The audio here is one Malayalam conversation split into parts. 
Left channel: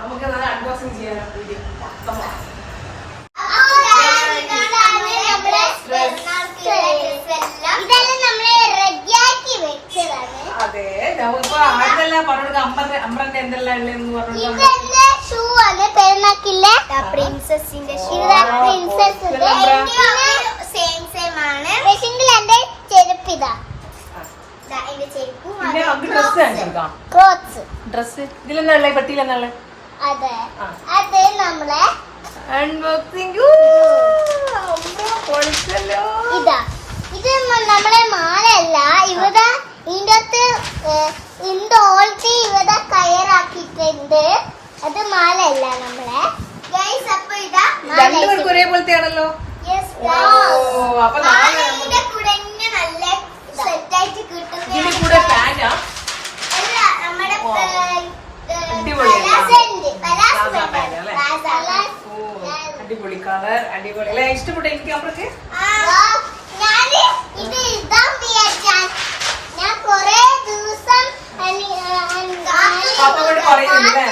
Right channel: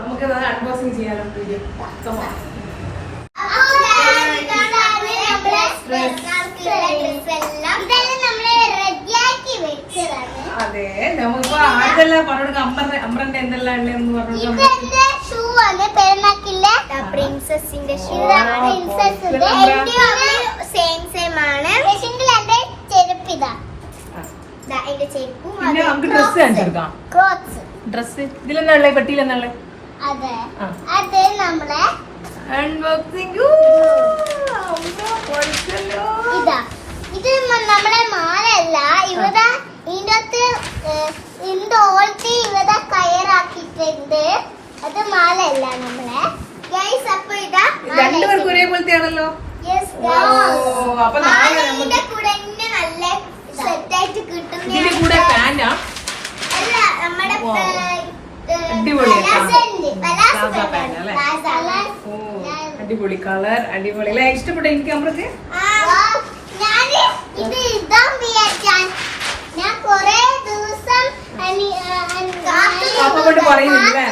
നമുക്ക് അൺബോക്സിംഗ് ചെയ്യാനോ വീഡിയോ. അതെ നമുക്കിപ്പോ ആദ്യമെല്ലാം പറഞ്ഞോട് അമ്മന്റെ എന്തെല്ലാം ഉണ്ടെന്ന് പറഞ്ഞു. നമുക്ക് ഡ്രസ് കാണിച്ചെടുക്കാം. ഡ്രസ് ഇതിലെന്നുള്ള പെട്ടിയിലെന്നുള്ള അൺബോക്സിംഗ്. ഇതാ ഇത് നമ്മളെ മാലയല്ല, ഇവിടെ ഇതിന്റെ അകത്ത് എന്തോ ഇവിടെ കയറാക്കിയിട്ടുണ്ട്. അത് മാലയല്ല നമ്മളെ ഗൈസ്. അപ്പൊ ഇതാ രണ്ടുപേർക്കും ഒരേപോലത്തെയാണല്ലോ. ഇതിന്റെ കൂടെ നല്ല സെറ്റായിട്ട് കിട്ടും. ഇതിന്റെ കൂടെ ഫാനാ നമ്മുടെ അടിപൊളി കളർ, അടിപൊളി അല്ലേ? ഇഷ്ടപ്പെട്ട എനിക്ക് നമ്മൾക്ക് അപ്പോട്ട് പറയുന്നില്ലേ?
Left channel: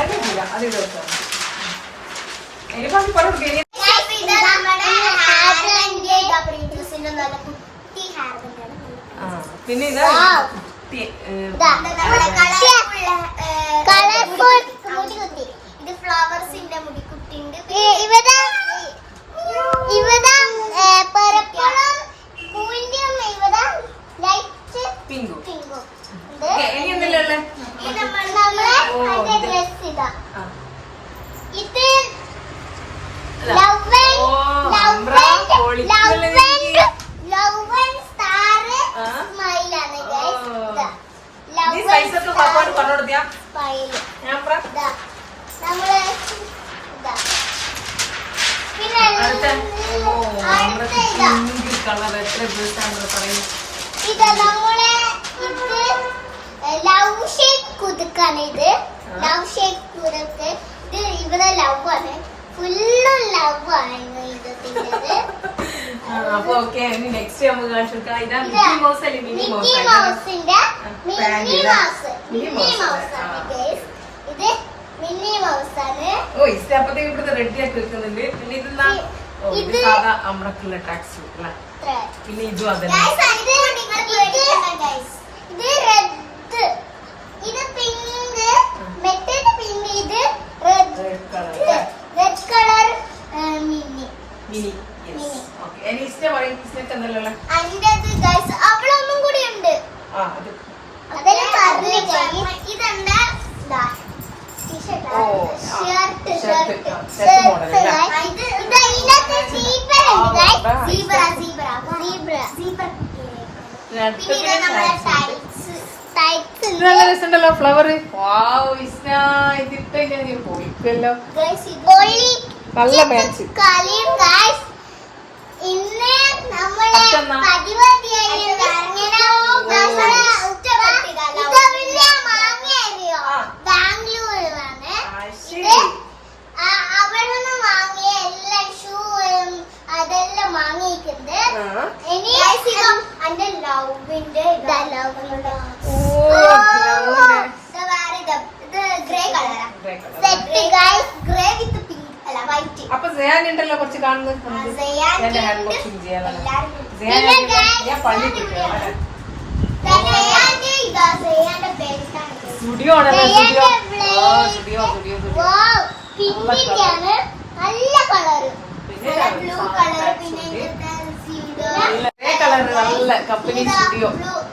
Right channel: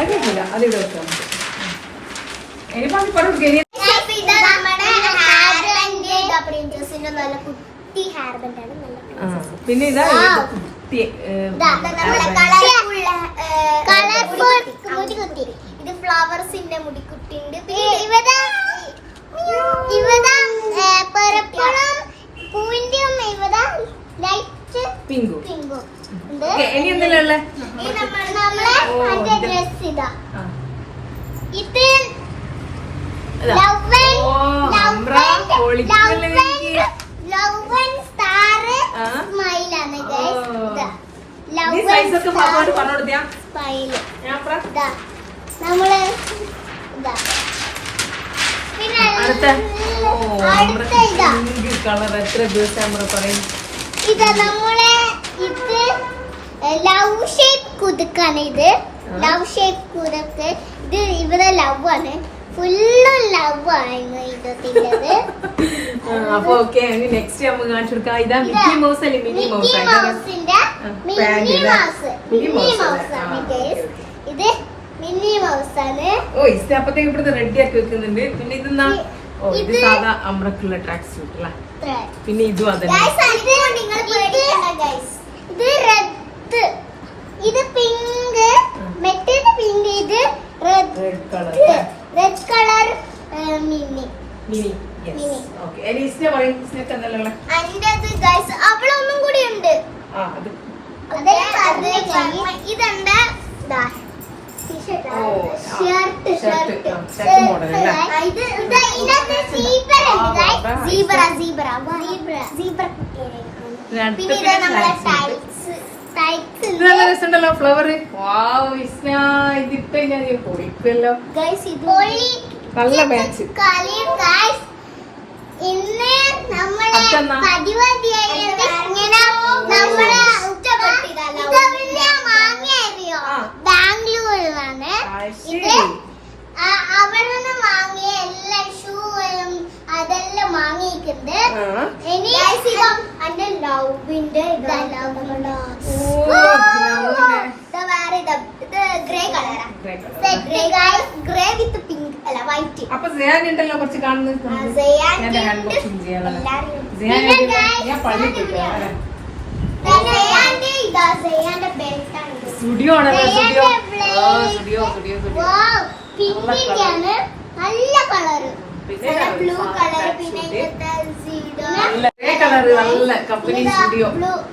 അടിപൊളിയ, അതിവിടെ വെച്ചോ. എനിക്ക് പറഞ്ഞു പിന്നെ ഇതാ ഇത് ഫ്ലവേഴ്സിന്റെ മുടിക്കുട്ടിണ്ട്. ഇവിടെ പൂവിന്റെയും ഇവിടെ ലൈറ്റ് പിങ്കും. ഇനി എന്തെല്ലാം ഉള്ളത്? ഡ്രസ് ഇതാ. ഇത് കളർ എത്ര ദിവസം പറയും. ഇതാ നമ്മളെ ഇത് ലവ് ഷേപ്പ് കുതുക്കാണ്. ഇത് ലവ് ഷേപ്പ് കുതുക്ക്. ഇത് ഇവിടെ ലവ് ആണ്, ഫുള്ളും ലവ് ആണ് ഇതിൻ്റെത്. അപ്പൊ ഓക്കെ, നെക്സ്റ്റ് നമുക്ക് കാണിച്ചു കൊടുക്കാം. ഇതാ മിക്കി മൗസ് അല്ലേ? Mini mouse. ഇത് മിനി മൗസ് ആണ്. ഓ ഇത് അപ്പത്തേക്ക് ഇവിടുത്തെ റെഡി ആക്കി വെക്കുന്നുണ്ട്. പിന്നെ ഇതെന്നാ? ഓ ഇത് സാധാ അമ്രക്കുള്ള ട്രാക്ക് സൂട്ട് അല്ലേ? പിന്നെ ഇതും അതന്നെ. ഇത് റെഡ്, ഇത് പിങ്ക്, മെറ്റേഡ് പിങ്ക്, ഇത് red colour mini. Okay, any ഇഷ്ട പറയും. സ്നെക്ക് എന്നല്ലേ അതിന്റെ ഗൈസ് അവിടെ ഒന്നും കൂടി ഉണ്ട്. ഇതെന്താ ഫ്ലവർ. ഇതിപ്പോ ഞാൻ പോയിക്കല്ലോ. നല്ല മാച്ച്. ഇന്ന് നമ്മളെ ബാംഗ്ലൂരിലാണ്. അവിടെ നിന്ന് വാങ്ങിയ എല്ലാ ഷൂവും അതെല്ലാം വാങ്ങിയിട്ടുണ്ട്. ഇനി എന്റെ ലവിന്റെ ഗ്രേ കളറാ. ഗ്രേ വിത്ത് പിങ്ക് അല്ല വൈറ്റ്. അപ്പൊ ഉണ്ടല്ലോ കുറച്ച് കാണുന്നത്. സ്റ്റുഡിയോ നല്ല കളറ്, ബ്ലൂ കളറ്. പിന്നെ നല്ല കമ്പനി സ്റ്റുഡിയോ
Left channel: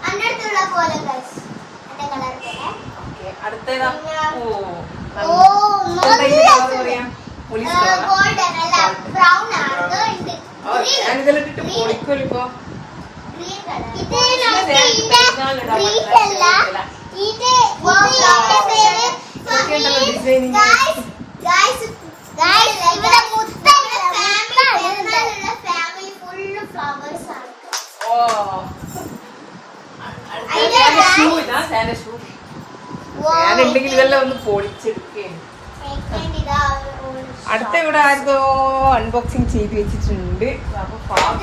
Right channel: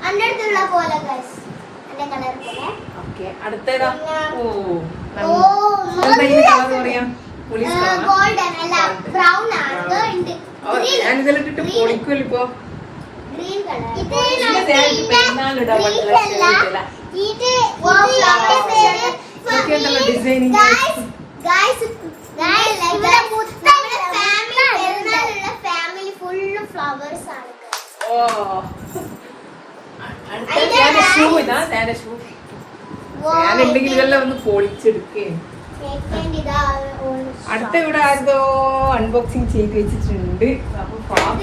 അന്റെ അടുത്തുള്ള പോലെ കളർ പോലെ. അടുത്തേതാ? ഗോൾഡൻ അല്ല ബ്രൗൺ ആണ്. പൊളിക്കലിപ്പോ ഗ്രീൻ കളർ. എല്ലാം ഒന്ന് പൊളിച്ചെടുക്കുകയാണ്. അടുത്ത ഇവിടെ ആരോ അൺബോക്സിങ് ചെയ്ത് വെച്ചിട്ടുണ്ട്. അപ്പൊ പാപ്പ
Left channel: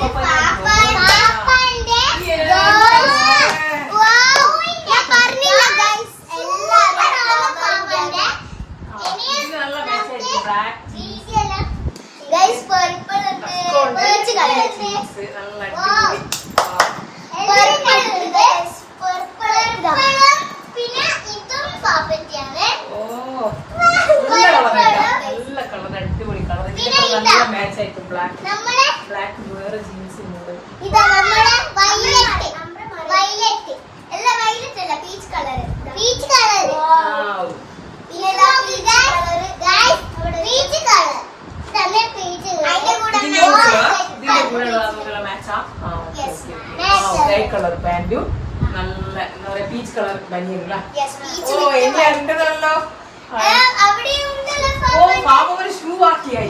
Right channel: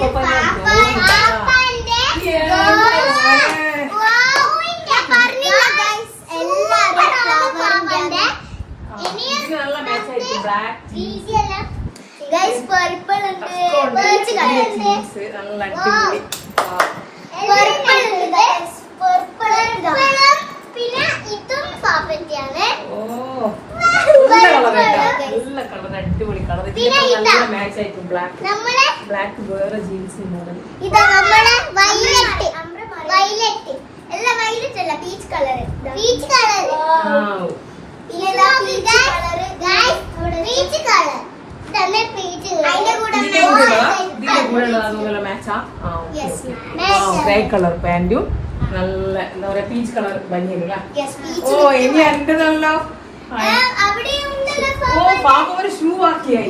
ബ്ലാക്ക് വേറെ ജീൻസ് മോഡൽ. ലൈറ്റ് കളർ പാന്റും നല്ല എന്താ പറയാ പീച്ച് കളർ ബനിയനും. ഓ ഇനി അടുത്തതല്ലോ. ഓ പാപ്പ ഒരു ഷൂ ആക്കിയായി.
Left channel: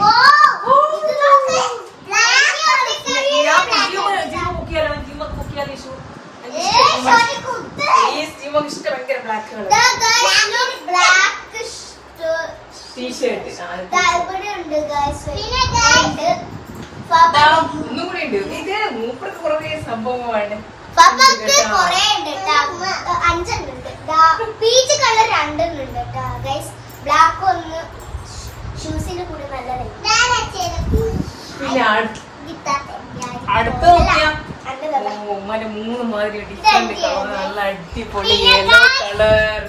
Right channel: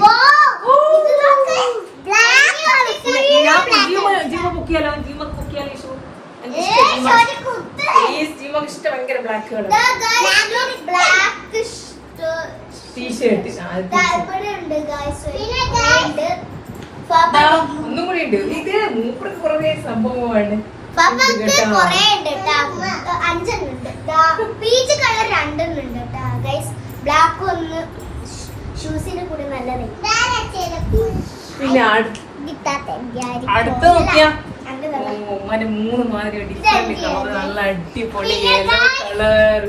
ഇഷ്ടം ഭയങ്കര ബ്ലാക്ക് കളർ ടീഷർട്ട്. ഒന്നും കൂടി ഉണ്ട്. ഇത് മൂപ്പർക്ക് കുറേ സംഭവമാണ്. പീച്ച് കളർ 2 ഉണ്ട് കേട്ടോ ഗൈസ്. ബ്ലാക്ക് ഒന്ന് ഷൂസിന്റെ കൂടെ നല്ലതായി. അടുത്ത നോക്കിയാ 3 മാതിരി ഡിഫറെന്റ് കളർ നല്ല അടിപൊളി യെല്ലോ കളർ.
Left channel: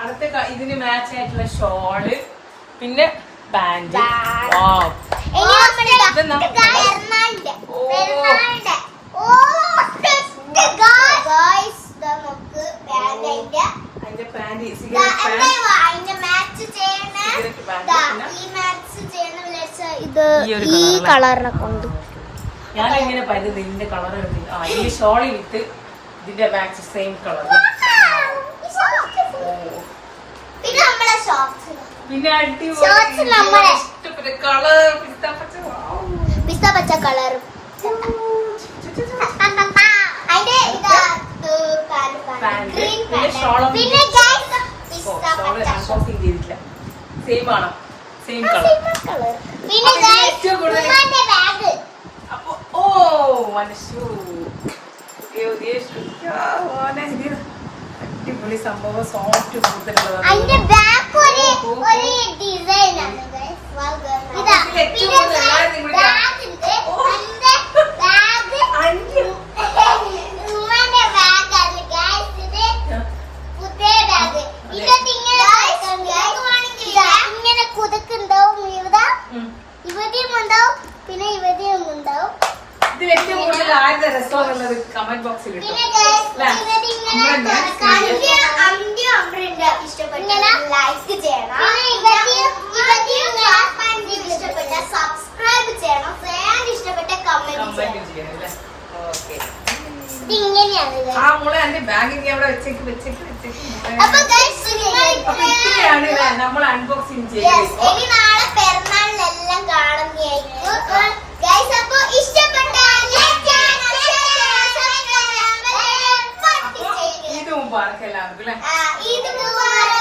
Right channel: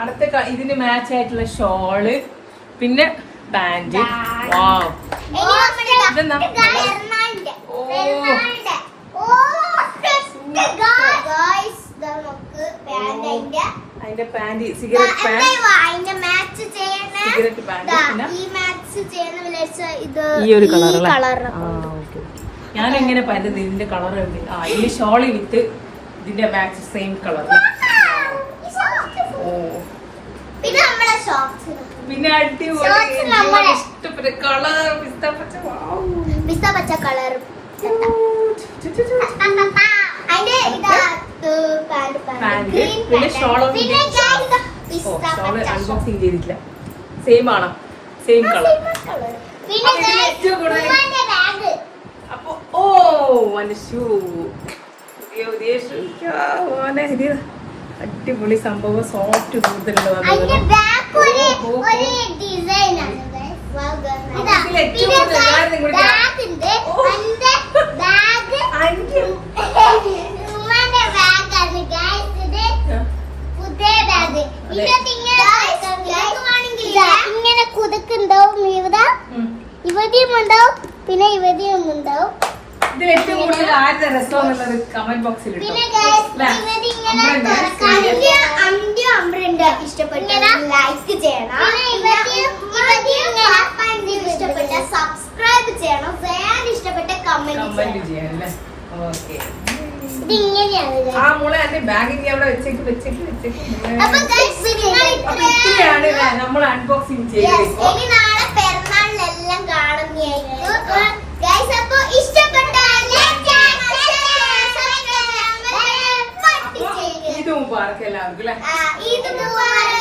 അടുത്ത ഇതിന് മാച്ച് ആയിട്ടുള്ള ഷോള് പിന്നെ പാന്റ്. വാവ് അതിന്റെ പാന്റ് സിഗരറ്റ് പാന്റ് ഈ ഒരു കളറല്ലേ. ഞാനെങ്ങനെ പറയുന്നത് ഇതിന്റെ കളർ ഇതിന്റെ ഷോള് വിത്ത് ഇതിന്റെ മാച്ച് സെയിം കളർ. പിന്നെ അടിപൊളി ഇഷ്ടപ്പെട്ട കളർ പിസ്ത പച്ച കളറും. പിന്നെ ഷോള് അൺബോക്സിംഗ് ചെയ്തിട്ടില്ല. സെയിം ആണോ? Same colour. അപ്പൊ ഓ മന്റെ ഷൂ അടിപൊളി സംഭവം. സോഫ്റ്റ് കൂടുതലുണ്ട്. ഇങ്ങനെ കുതുക്കുണ്ടാവും. ഇവിടെയും ഉണ്ടാവും പിന്നെ ഇവിടെയും ഉണ്ടാവും. ഇത് ഏറ്റവും കൂടുതൽ ആരുടെ രസമെന്നുള്ളത് കമന്റ് ബോക്സിൽ ഇഷ്ടപ്പെട്ട ലൈക്ക് ചെയ്യണം. ഇഷ്ടപ്പെട്ട സബ്സ്ക്രൈബ് ചെയ്യണം. ഫാൻ ഇഷ്ടപ്പെട്ട കമന്റ് ചെയ്യണം. ഇതിങ്ങനെയാണ് നമ്മൾ അൺബോക്സിംഗ് ചെയ്യും. ഇനി നാളെ പെരുന്നാളിലെല്ലാം കാണുന്നതായിരിക്കും. ഗൈസ് അപ്പൊ ഇത് മുബാറക്ക് എല്ലാവർക്കും. ഇത് മുബാറക്ക്.